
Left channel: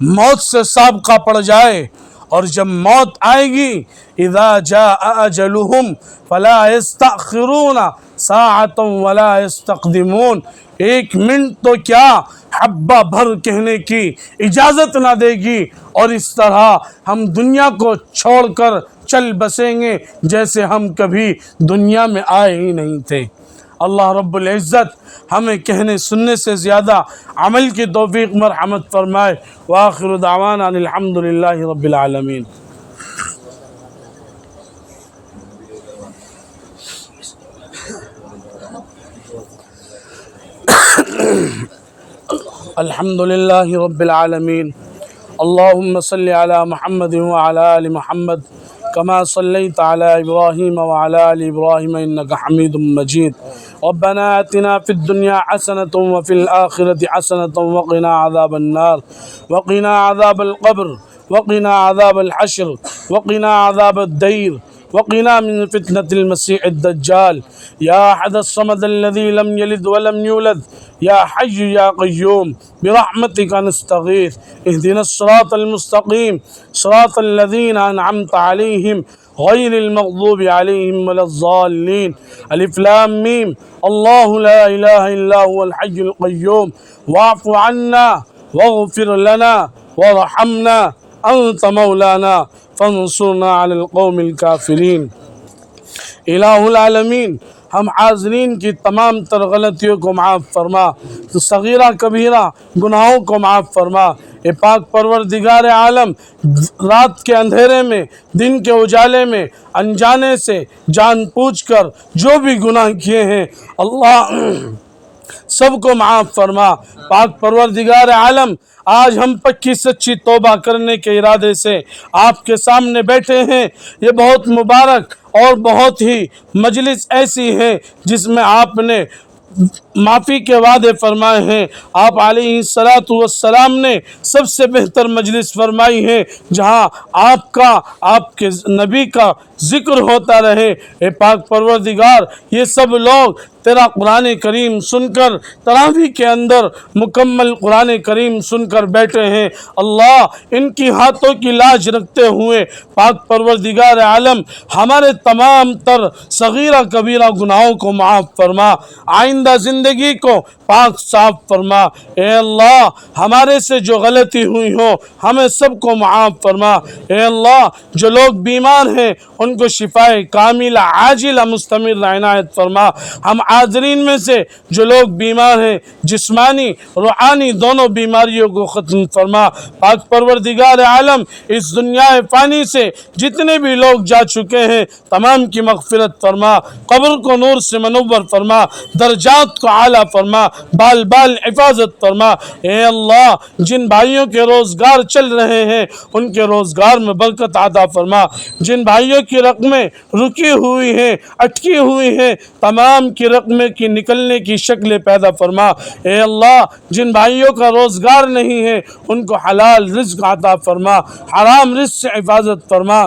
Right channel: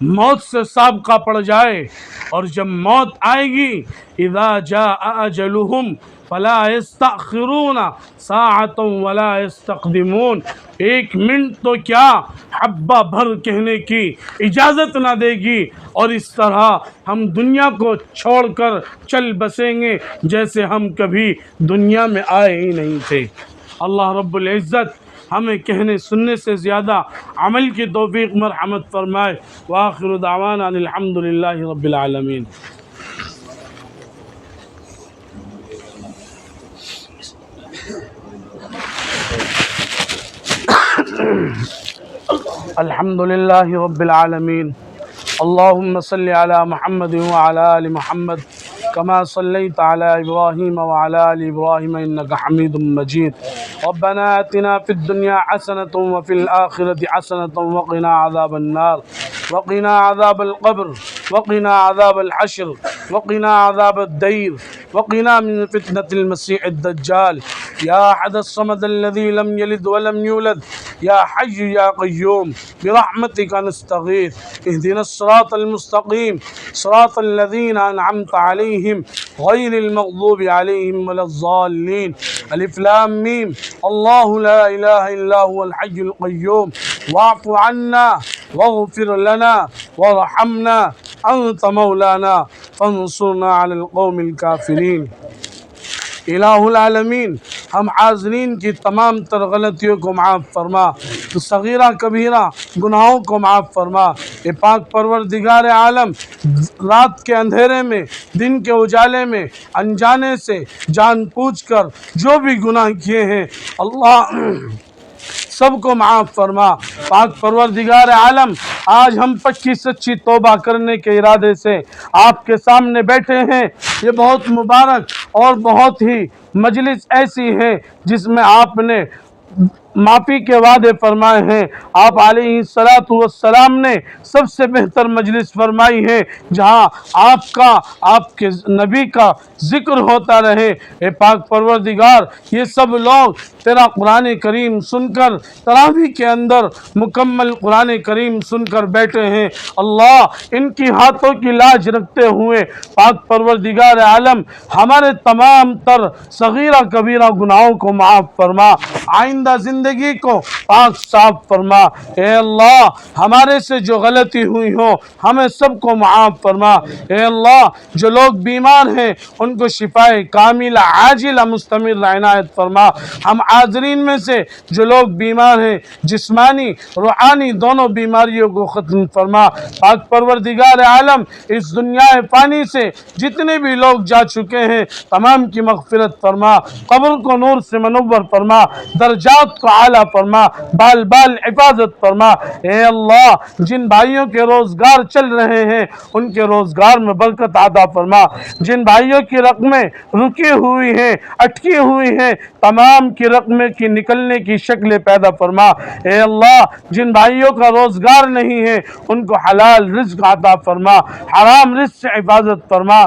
موت سے سابقہ پڑ جائے، اور جب موت آئے گی اذا جاء اجلهم فلا يستأخرون ساعة ولا يستقدمون، ایک منٹ تو کیا حبہ بھر کہنے کی اجازت نہ دے گی، اور اس طرح ہم دنیا کو چھوڑ کر چل بسیں گے جیسے ہم کبھی دنیا میں آئے ہی نہیں تھے۔ اللہ رب العزت ہمیں کہنے سننے سے زیادہ عمل کی توفیق مرحمت فرمائے۔ وآخر دعوانا الحمد للہ رب العالمین۔ الحمد للہ رب العالمین۔ اللہم صلی علی محمد وعلی آل محمد كما صليت على إبراهيم وعلى آل إبراهيم إنك حميد مجيد. ربنا آتنا في الدنيا حسنة وفي الآخرة حسنة وقنا عذاب النار وقنا عذاب القبر وقنا عذاب الحشر وقنا عذاب الدير وقنا من فتنة المسيح الدجال. يا أحد الصمد الذي لم يلد ولم يولد يا حي يا قيوم برحمتك نستغيث. اهدنا الصراط المستقيم صراط الذين أنعمت عليهم غير المغضوب عليهم ولا الضالين. ألف لام ميم. الله لا إله إلا هو الحي القيوم. واعف عنا واغفر لنا وارحمنا أنت مولانا فانصرنا على القوم الكافرين. الہ العالمین، ہم حاضرین کی تمام تر غلطیوں کو معاف فرما، تو صغیرہ کبیرہ گناہوں کو معاف فرما۔ اے پاک پروردگار عالم، رات کے اندھیرے میں دن کے اجالے میں انجانے سے جان پوچھ کر جو بھی گناہ کیے ہیں اللہ سب کو معاف فرما۔ پاک پروردگار عالم، آج ہم پکی سچی توبہ کرنے کے ارادے سے آپ کے سامنے بیٹھے ہیں۔ یہ بہت مبارک اور بہت ہی مجلس ایسی ہے جس میں آپ نے معافی کے وعدے فرمائے ہیں۔ آپ علیہ السلام نے سب سے بہتر مجلس فرمائی ہے جہاں آپ کا، آپ کے نبی کا ذکر ہوتا رہے۔ اے پاک پروردگار، یہ سب لوگ تیرا قرآن کریم سن کر تراویح کے اندر مکمل قرآن کریم سن کر بیٹھے ہیں۔ اللہ، ان کی ہاتھوں کی لاج رکھتے ہوئے پاک پروردگار عالم ہمارے تمام تر صغیرہ کبیرہ گناہوں کو معاف فرما، آئندہ زندگی کو پاک صاف فرما۔ اے اللہ، ہمارے سے جو غلطی ہوئی ہو ہمیں سب کو معاف فرما۔ اے اللہ، جو لوگ بیمار ہیں ان کو شفاء کاملہ عاجلہ مستمر عنایت فرما۔ ہم حاضرین میں سے جو لوگ بیمار ہیں، جسمانی روحانی دونوں بیماریوں کو ختم فرما۔ پاک پروردگار عالم، اس دنیا فانی سے جتنے بھی لوگ جا چکے ہیں تمام کی مغفرت فرما، قبر کو نور سے منور فرما، درجات کو اعلیٰ فرما، بال بال حفاظت فرما۔ اے اللہ، جن بھائیوں کے روزگار چل رہے ہیں ان کے روزگار میں برکت عطا فرما، جن بھائیوں کی رقمیں رکی ہوئی ہیں، اٹکی ہوئی ہیں، تمام کی رقمیں کی نکلنے کی شکل پیدا فرما۔ اے اللہ، جن بھائیوں کا روزگار نہیں ہے ان کو حلال رزق عطا فرما، حرام رزق سے حفاظت فرما۔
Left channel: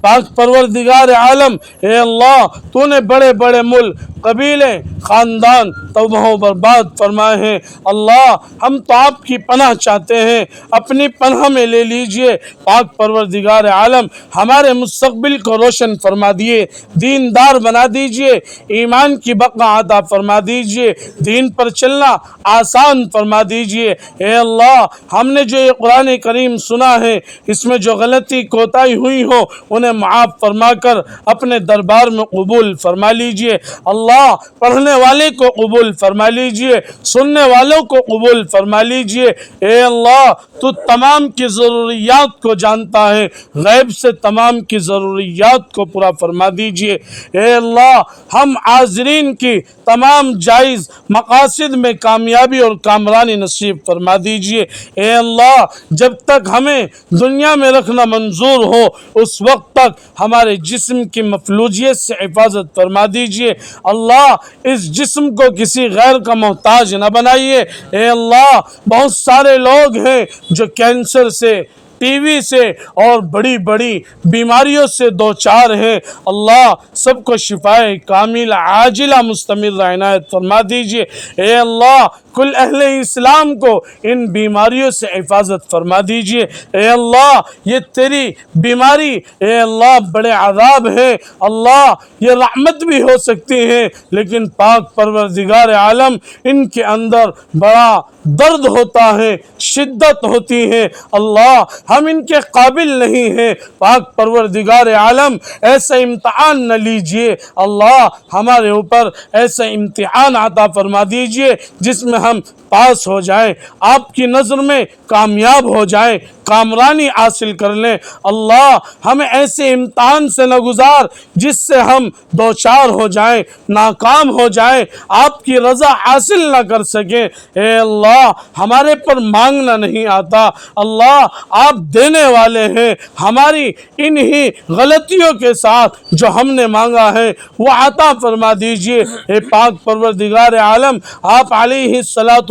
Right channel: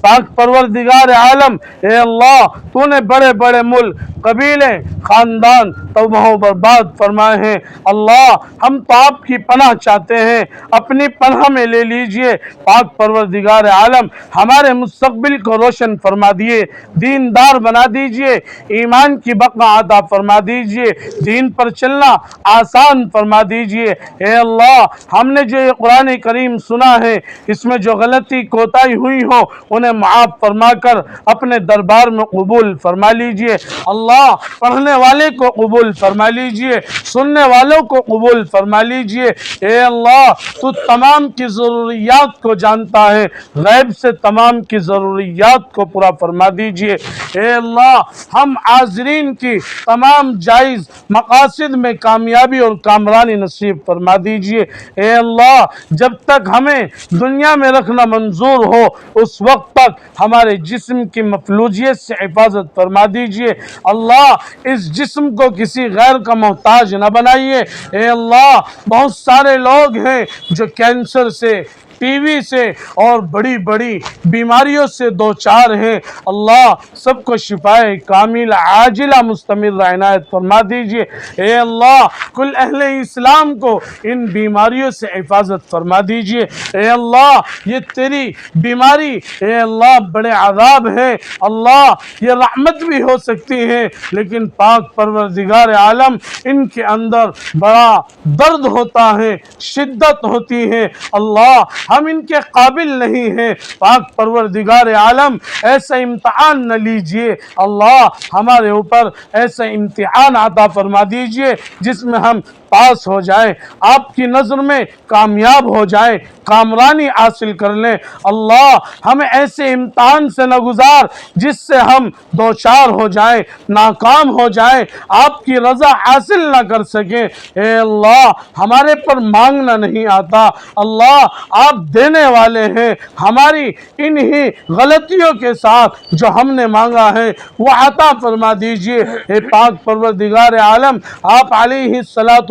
پاک پروردگار عالم، اے اللہ، تو نے بڑے بڑے ملک قبیلے خاندان تباہ و برباد فرمائے ہیں۔ اللہ ہم تو آپ کی پناہ چاہتے ہیں، اپنی پناہ میں لے لیجئے۔ پاک پروردگار عالم ہمارے مستقبل کو روشن فرما دیے، دیندار بنا دیجئے، ایمان کی بقا عطا فرما دیجئے، دین پر چلنا آسان فرما دیجئے۔ اے اللہ ہم نے جو یہ قرآن کریم سنا ہے، اس میں جو غلطی کوتاہی ہوئی ہو انہیں معاف فرما کر اپنے دربار میں قبول فرما لیجئے۔ اللہ پڑھنے والے کو قبول فرما لیجئے، سننے والوں کو قبول فرما لیجئے۔ اے اللہ تو تمام کی ضروریات کو جانتا ہے، غیب سے تمام کی ضروریات کو پورا فرما دیجئے۔ اے اللہ ہم حاضرین کی تمام جائز مقاصد میں کامیابی اور کامرانی نصیب فرما دیجئے۔ اے اللہ جب تک ہمیں دنیا میں رکھنا منظور ہو اس وقت تک ہمارے جسم کی مفلوجیت سے حفاظت فرما دیجئے۔ اللہ اس جسم کو کسی غیر کا محتاج نہ بنائیے۔ اے اللہ بہت سارے لوگ ہیں جو کینسر سے، ٹی وی سے اور بڑی بڑی بیماریوں سے دوچار ہیں، اللہ سب کو شفائے کامل عاجلہ مستمر عنایت فرما دیجئے۔ اے اللہ کل اہل اسلام کو ان بیماریوں سے حفاظت فرما دیجئے۔ اے اللہ یہ تیری بیماری اے اللہ بڑے عذاب ہے، اللہ یہ رحمت بھی ہو سکتی ہیں لیکن پاک پروردگار عالم ان کے اندر بڑا درد ہوتا ہے، شدت ہوتی ہے، اللہ ہم ان کے قابل نہیں ہیں۔ پاک پروردگار عالم ایسا امتحان نہ لیجئے، اللہ ہمارے اوپر ایسا امتحان عطا فرما دیجئے جس میں ہم پاس ہو جائیں، آپ کی نظر میں کامیاب ہو جائیں، کامرانی حاصل کر لیں۔ اللہ ہمیں ایسے امتحان سے نہ گزار جس سے ہم دوچار ہو جائیں، ناکام ہو جائیں، آپ کی رضا حاصل نہ کر سکیں۔ اے اللہ ہمارے پر مانگنا نہیں آتا، اللہ آپ دینے والے ہیں، ہماری انہی غلطیوں کے ساتھ جو ہم نے مانگا ہے وہ عطا فرما دیجئے۔ اے پاک پروردگار عالم آپ علیہ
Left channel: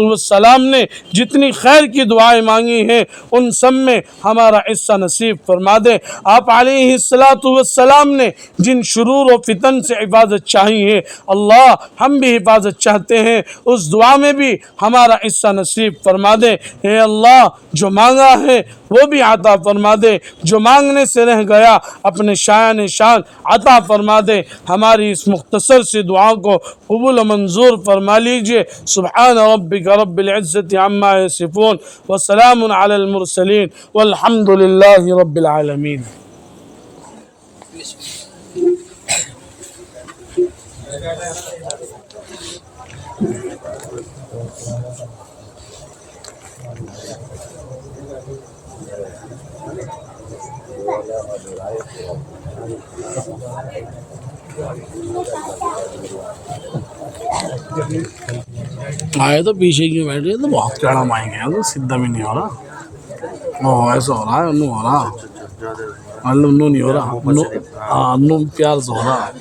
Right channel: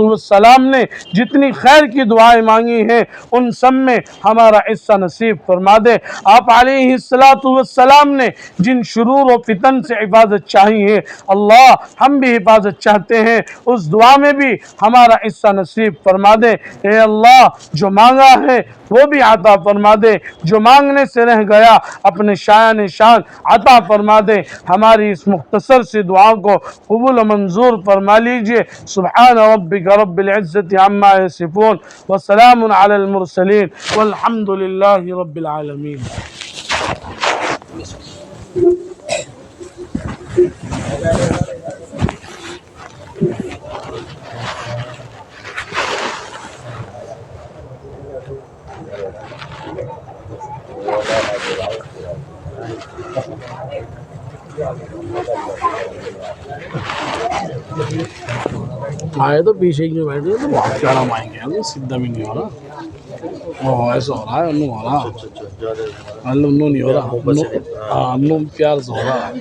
السلام نے جتنی خیر کی دعائیں مانگی ہیں ان سب میں ہمارا حصہ نصیب فرما دے۔ آپ علیہ السلام نے جن شرور و فتن سے حفاظت چاہی ہے اللہ ہم بھی حفاظت چاہتے ہیں، اس دعا میں بھی ہمارا حصہ نصیب فرما دے۔ اے اللہ جو مانگا ہے وہ بھی عطا فرما دے، جو مانگنے سے رہ گیا اپنے شایان شان عطا فرما دے۔ ہماری اس مختصر سی دعا کو قبول و منظور فرما لیجئے۔ سبحان ربک رب العزت عما یصفون وسلام علی المرسلین والحمد للہ رب العالمین۔ آئے تو پیچھے کیوں بیٹھے تو بہت چڑھا مائیں گے تو سیدھا بھی نہیں ہو رہا، وہ ایسا ہو رہا ہے، انو ہو رہا، انو نہیں ہو رہا، انو پیار سے ہو رہا،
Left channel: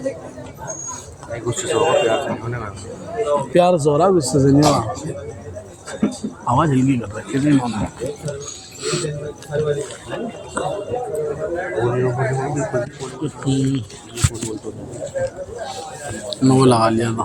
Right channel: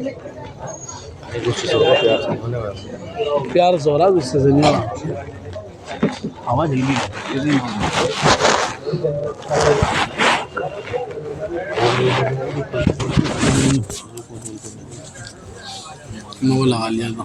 پیار سے ہو رہا، غصے سے نہیں ہو رہا۔ آواز ہیلی نو لگا لیا تھا۔